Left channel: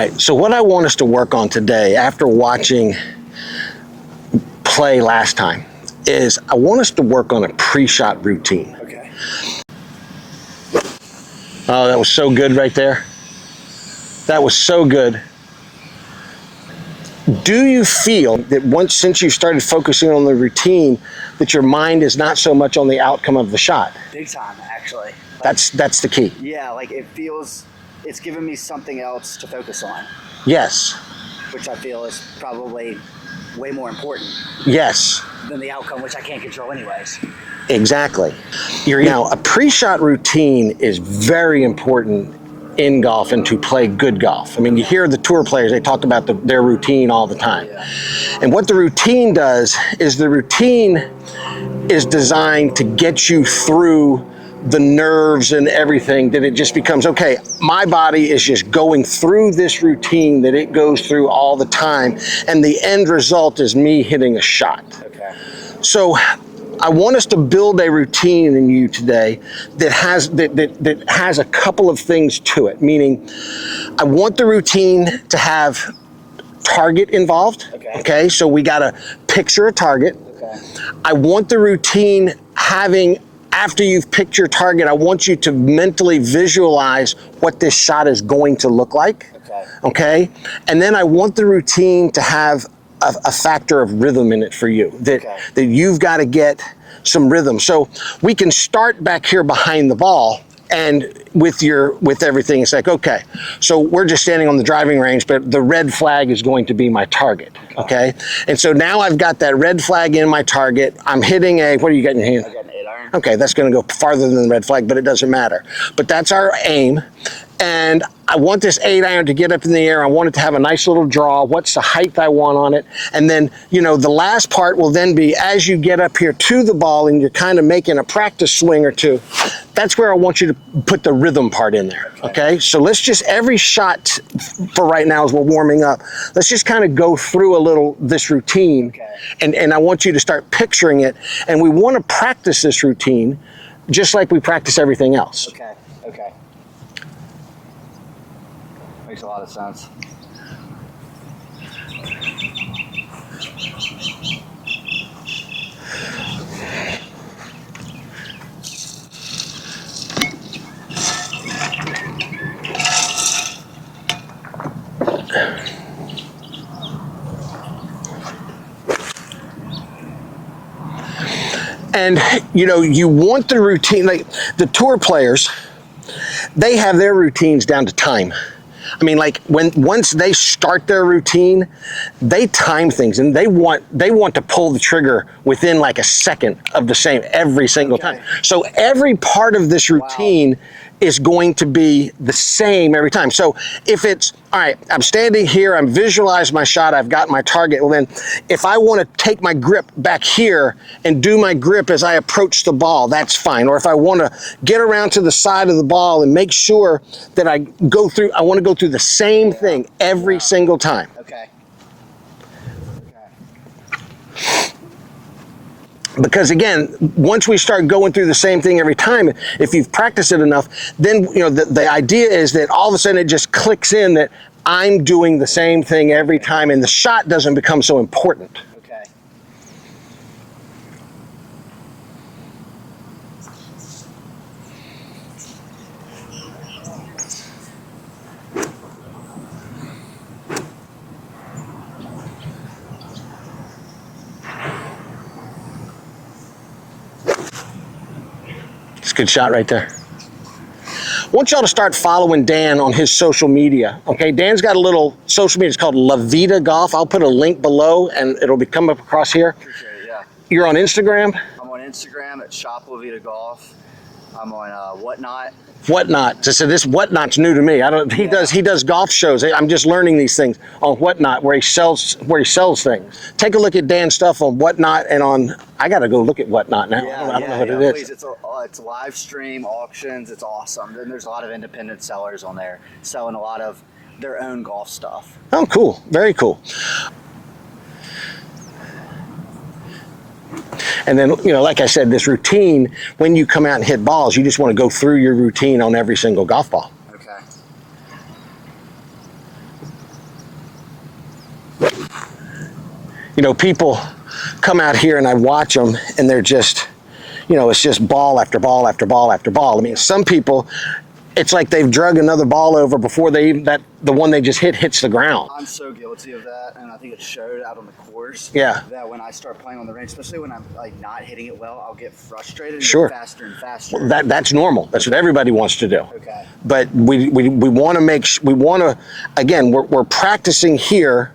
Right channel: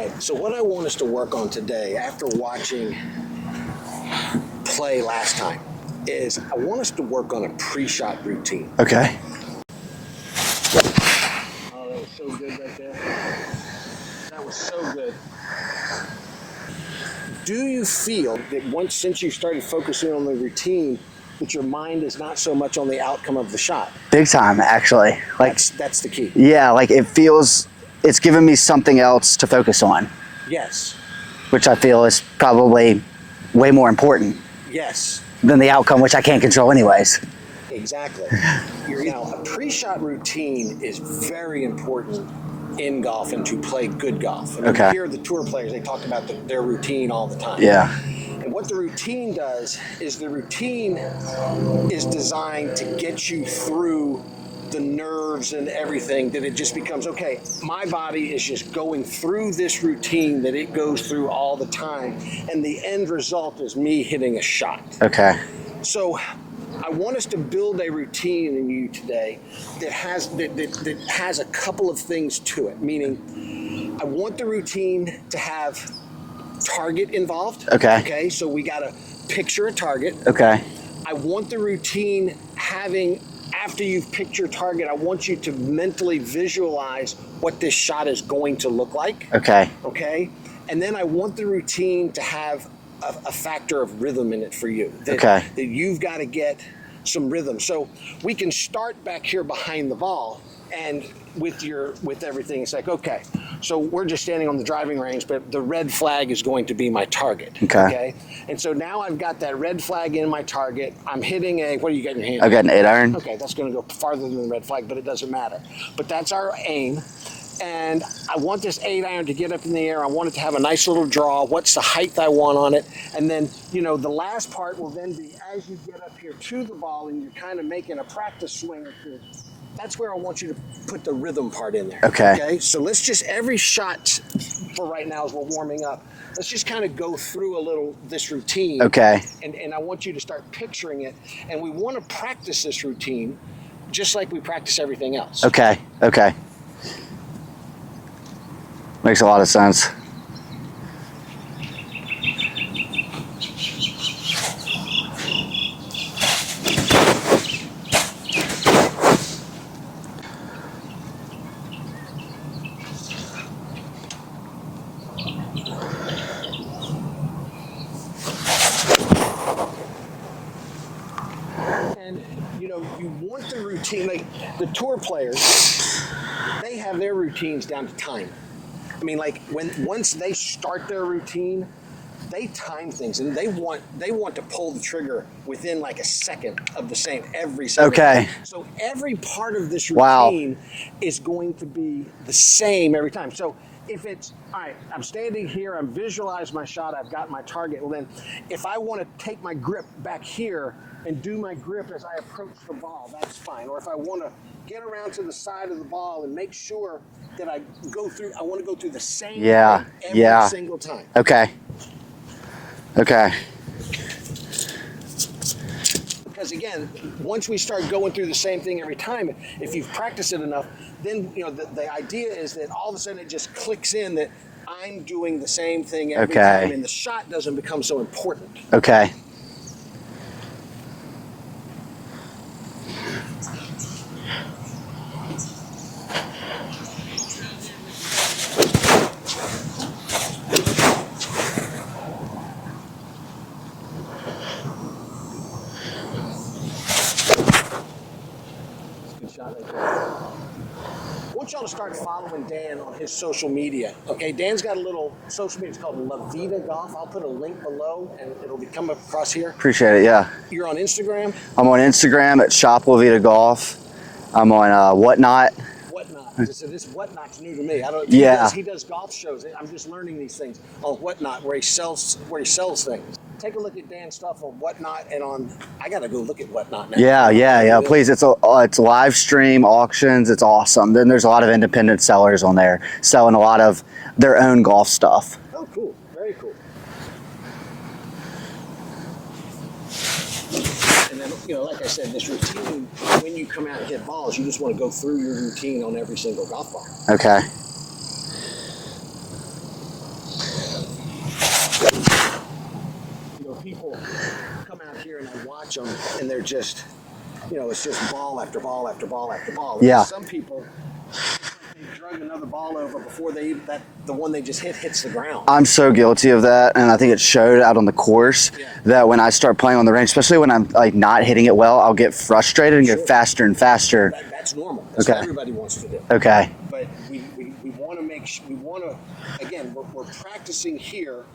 Right, so what I want us to work on today, after watching play last time, is I want us to work on a pre-shot routine. Okay. Oh, that was so good right there. That was so good. Do you feel that since you started focusing on the routine, that your mind is not so much on the outcome of the shot? Big time, actually. Like, That's the key. yeah, like it's given me something else to focus on, Yes. which I feel is probably way more important Yes. than the outcome, which I can't control anyways. Exactly. Now, a pre-shot routine is very important in golf and to play good golf. I mean, you hear the tour players, they talk about their routine all the time. Yeah. And what the routine does is the routine is designed to get you through the nerves and everything, that it just becomes, okay, my body is just going through this routine that it goes through all the time, and the end result is me hitting a shot. Okay. So I want us to build a routine in you today that has a couple of things to it, meaning I want the routine to have target involved. Okay, so we got to picture a target. Okay. I want the routine having, after you've picked your target, I want you to mentally visualize what this shot is going to look like. Okay, and then I want the routine to have a factor of rhythm in it for you, that you've got to get some rhythm. So we can start back here behind the ball, and with everything, it's like, okay, so we're just standing on the driving range, but the red flag is going to be my target. Okay. And so now I've got that red flag in my target. I'm hitting what do you got in your hand? I've got an 8-iron. Okay, that's going to go farther than the red flag, but it doesn't matter. But that's our aim. And I want this 8-iron to get up in the air. I want it to have a nice little draw. What's the height I want on it? And then, the last part will then be, as you get up here to the ball and you're kind of making a practice swing or two, that's where I want you to put the rhythm part in there. Okay, so let's just, every shot for right now as we're warming up, let's just kind of go through this routine. Okay. And I want you to start picturing it. And we want to practice this routine just like we practice everything else. Okay. Makes a lot of sense. And, you want the routine, like the tour players, they have their routines down to time. I mean, like once they start their routine, they time things, and they want to pull the trigger within like a second of the same every single time. So every part of this routine is going to be the same every time. So if it's, all right, I'm standing here, I'm visualizing my shot, I've got my target. Well, then if I want to take my grip back here and do my grip as I approach the ball, that's fine. Or if I want to get around to the side of the ball and make sure that I want to go through the same thing every single time. Okay. Because again, once we start going through the same thing every time, if you've practiced it enough, then the idea is that all of a sudden it just clicks in that I'm doing the same thing every time, and the shot doesn't become so important. Okay. It's a good shot right there. I want y'all to start following Dan on his social media. Okay, Dan's got a little social media. It's called La Vida Golf. I'll put a link below, and it'll come up across here. Appreciate it. Yeah. You're on Instagram? I'm on Instagram at Shop La Vida Golf. I'm on Whatnot. Whatnot. So this Whatnot's new to me. He does golf shows. I'm just learning these things on Whatnot, where he sells things. Take a look at Dan's stuff on Whatnot and on. I got to go look at Whatnot now. Yeah. Please, it's live stream auctions. It's awesome. Then there's a lot of independent sellers on there selling a lot of their own golf stuff. Oh, cool. Very cool. And then, like I said, this routine, when you come out and hit balls, you just want to go through your routine on every single golf ball. Okay. You know, people come out here and I watch them and they're just, you know, it's just ball after ball after ball after ball. I mean, Yeah. some people, it's like they've drug another ball over before they even, the one they just hits the ground. I'm so guilty of that, and I think it showed out on the course. Yeah. That when I start playing on the range, especially when I'm like not hitting it well, I'll get frustrated and Sure. go faster and faster. That's normal. That's what Okay. everybody wants to do. Okay. But we want to again, we're practicing here.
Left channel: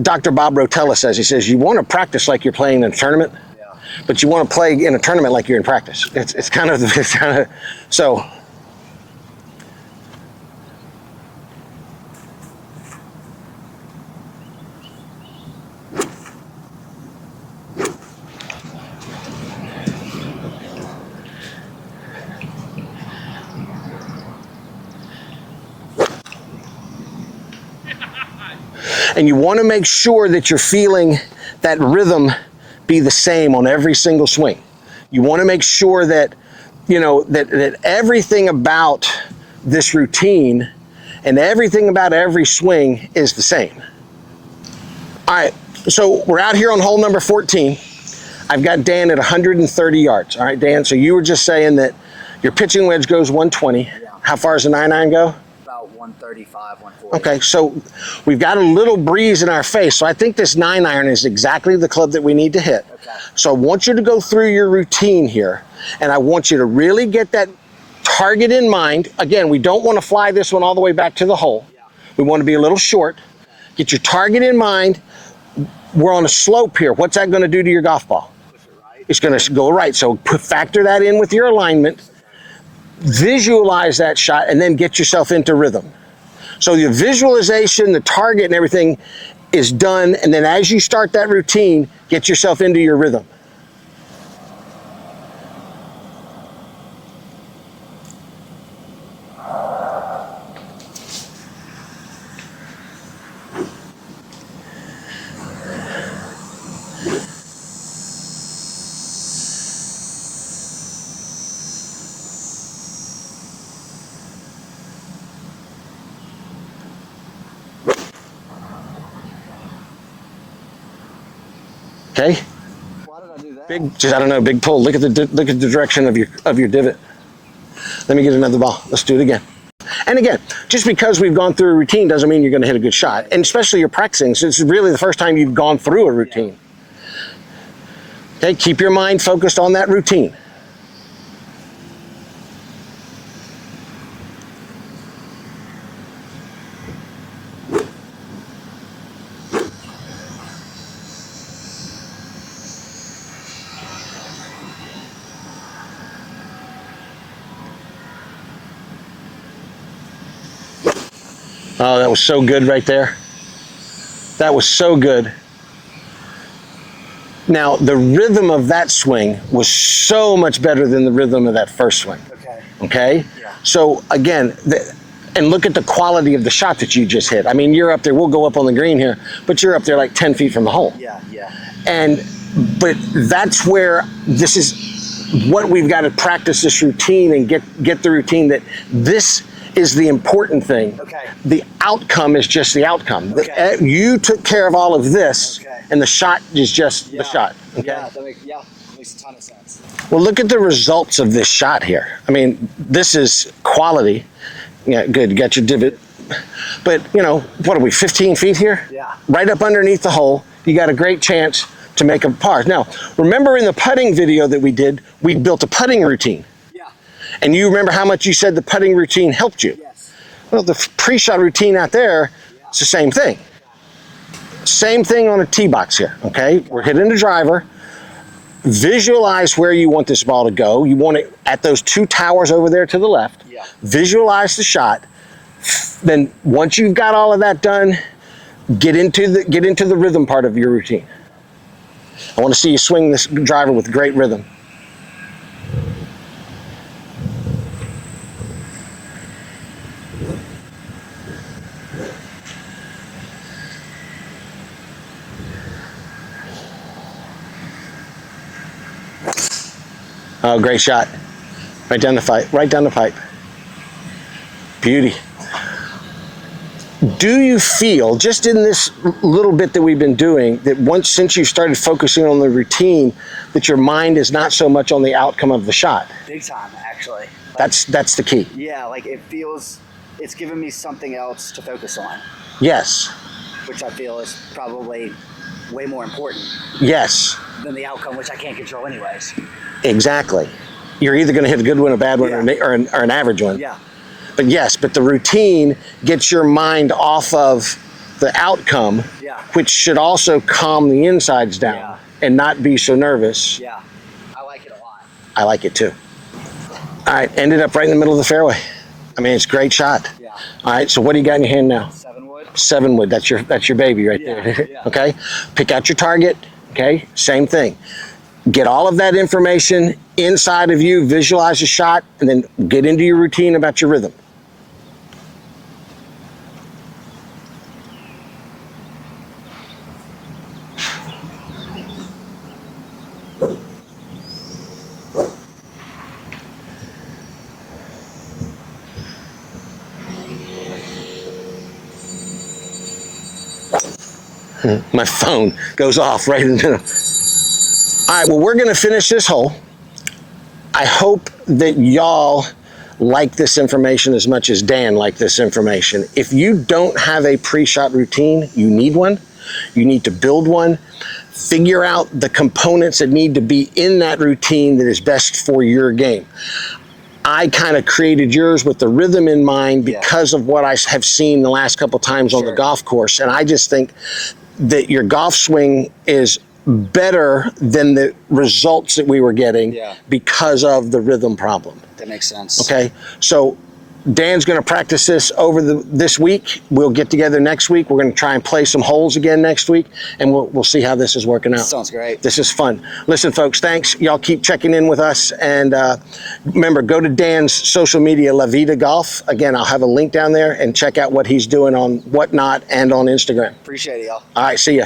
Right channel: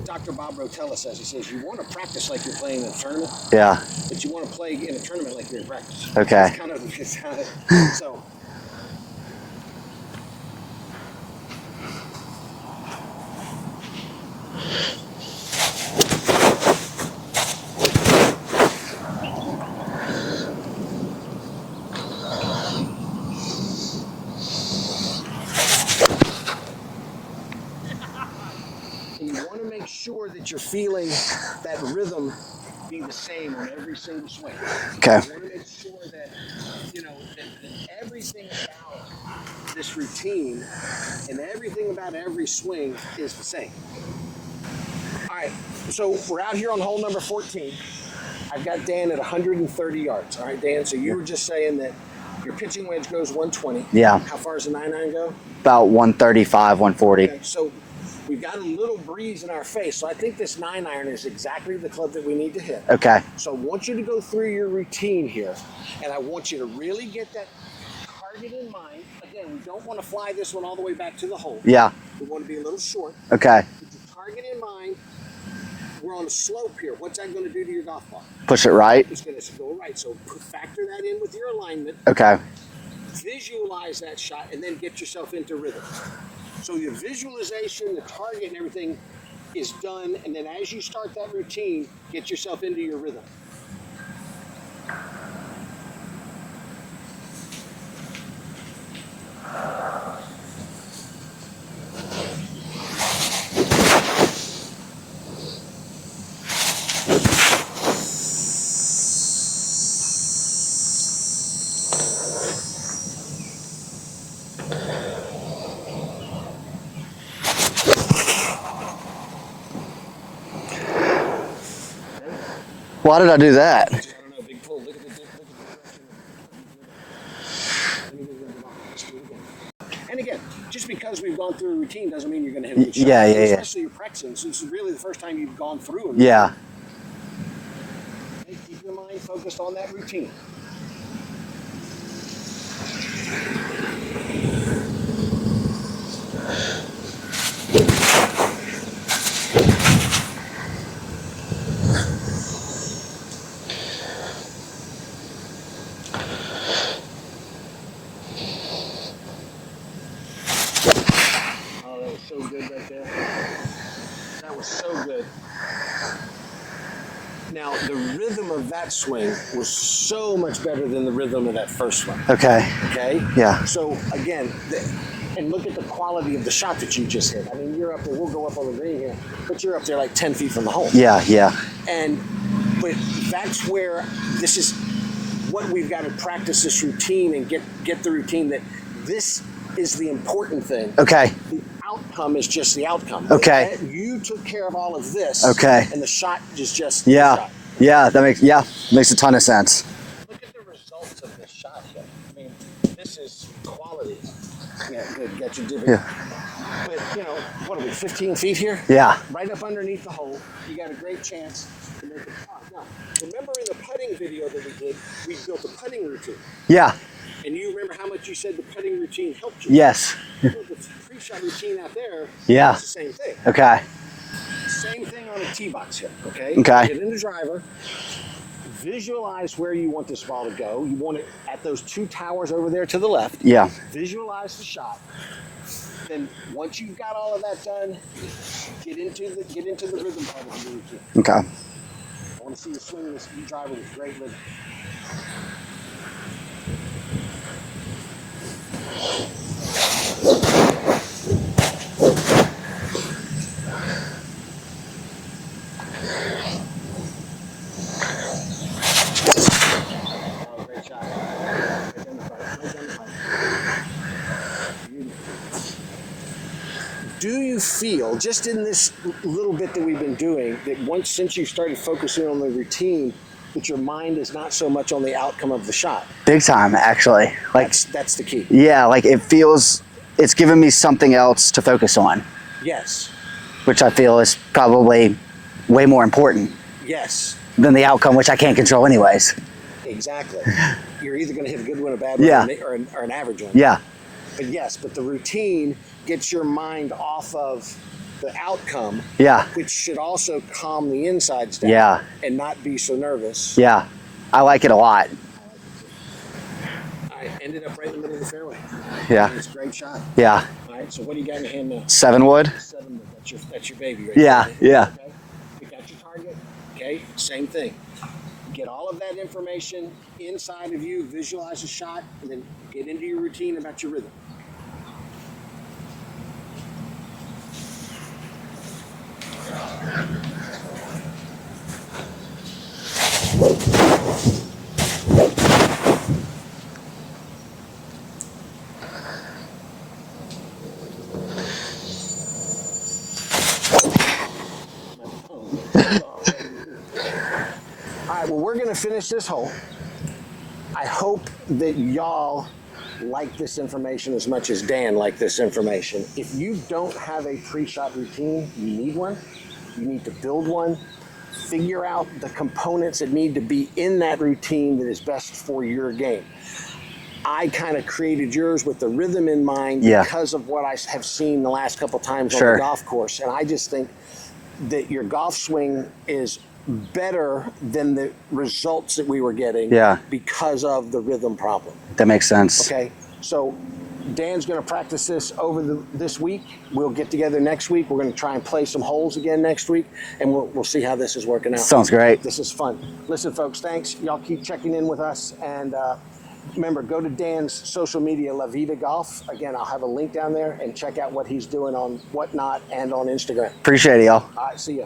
Dr. Bob Rotella says, he says, you want to practice like you're playing in a tournament, Yeah. but you want to play in a tournament like you're in practice. Okay. It's kind of, so. And you want to make sure that you're feeling that rhythm be the same on every single swing. Okay. You want to make sure that, you know, that everything about this routine and everything about every swing is the same. All right, so we're out here on hole number 14. I've got Dan at 130 yards. All right, Dan, so you were just saying that your pitching wedge goes 120. Yeah. How far does the 9-9 go? About 135, 140. Okay, so we've got a little breeze in our face. So I think this 9-iron is exactly the club that we need to hit. Okay. So I want you to go through your routine here, and I want you to really get that target in mind. Again, we don't want to fly this one all the way back to the hole. Yeah. We want to be a little short. Okay. Get your target in mind. We're on a slope here. What's that going to do to your golf ball? Push it right. It's going to go right. So factor that in with your alignment. Okay. Visualize that shot and then get yourself into rhythm. So your visualization, the target and everything is done, and then as you start that routine, get yourself into your rhythm. Okay? Why did I do that? Just, I don't know, big pull. Look at the direction of your divot. Let me get another ball. Let's do it again. And again, just because we've gone through a routine doesn't mean you're going to hit a good shot. Yeah, and especially you're practicing, so it's really the first time you've gone through a routine. Yeah. Okay, keep your mind focused on that routine. Oh, that was so good right there. That was so good. Now, the rhythm of that swing was so much better than the rhythm of that first swing. Okay. Okay? Yeah. So, again, and look at the quality of the shot that you just hit. I mean, you're up there, we'll go up on the green here, but you're up there like 10 feet from the hole. Yeah, yeah. But that's where this is what we've got to practice this routine and get the routine that this is the important thing. Okay. The outcome is just the outcome. Okay. You took care of all of this. Okay. And the shot is just Yeah. the shot. Okay? Yeah, that makes a ton of sense. Well, look at the results of this shot here. I mean, this is quality. Yeah, good. You got your divot. Yeah. But, you know, what are we, 15 feet here? Yeah. Right up underneath the hole. You got a great chance to make a par. Now, remember in the putting video that we did, we built a putting routine. Yeah. And you remember how much you said the putting routine helped you? Yes. Well, the pre-shot routine out there, Yeah. it's the same thing. Okay. Same thing on a tee box here, okay? Okay. Hitting the driver. Visualize where you want this ball to go. You want it at those two towers over there to the left. Yeah. Visualize the shot. Then once you've got all of that done, get into the rhythm part of your routine. Okay. I want to see you swing this driver with great rhythm. Oh, great shot. Right down the pipe. Right down the pipe. Beauty. Do you feel, just in this little bit that we've been doing, that since you started focusing on the routine, that your mind is not so much on the outcome of the shot? Big time, actually. Like, That's the key. yeah, like it's given me something else to focus on, Yes. which I feel is probably way more important Yes. than the outcome, which I can't control anyways. Exactly. You're either going to hit a good one, a bad one, Yeah. or an average one. Yeah, But the routine gets your mind off of the outcome, Yeah. which should also calm the insides down, Yeah. and not be so nervous. yeah. I like it a lot. I like it too. All right, ended up right in the middle of the fairway. Yeah. I mean, it's a great shot. Yeah. All right, so what do you got in your hand now? 7 wood. 7 wood. That's your baby right Yeah, there. yeah. Okay. Pick out your target. Okay. Same thing. Get all of that information inside of you. Visualize the shot, and then get into your routine about your rhythm. My phone goes off right in the middle. All right, well, we're going to finish this hole. I hope that y'all like this information as much as Dan liked this information. If you don't have a pre-shot routine, you need one. You need to build one. Figure out the components that need to be in that routine that is best for your game. I kind of created yours with the rhythm in mind Yeah. because of what I have seen the last couple times on the Sure. golf course. And I just think that your golf swing is better than the results that we were getting Yeah. because of the rhythm problem. That makes sense. Okay, so Dan's going to practice this over this week. We'll get together next week. We're going to try and play some holes again next week, and we'll see how this is working out. Sounds great. This is fun. Listen, folks, thanks. Y'all keep checking in with us, and remember, go to Dan's social media, La Vida Golf. Again, I'll have a link down there, and check out what he's doing on Whatnot and on Instagram. Appreciate it, y'all. All right, see ya.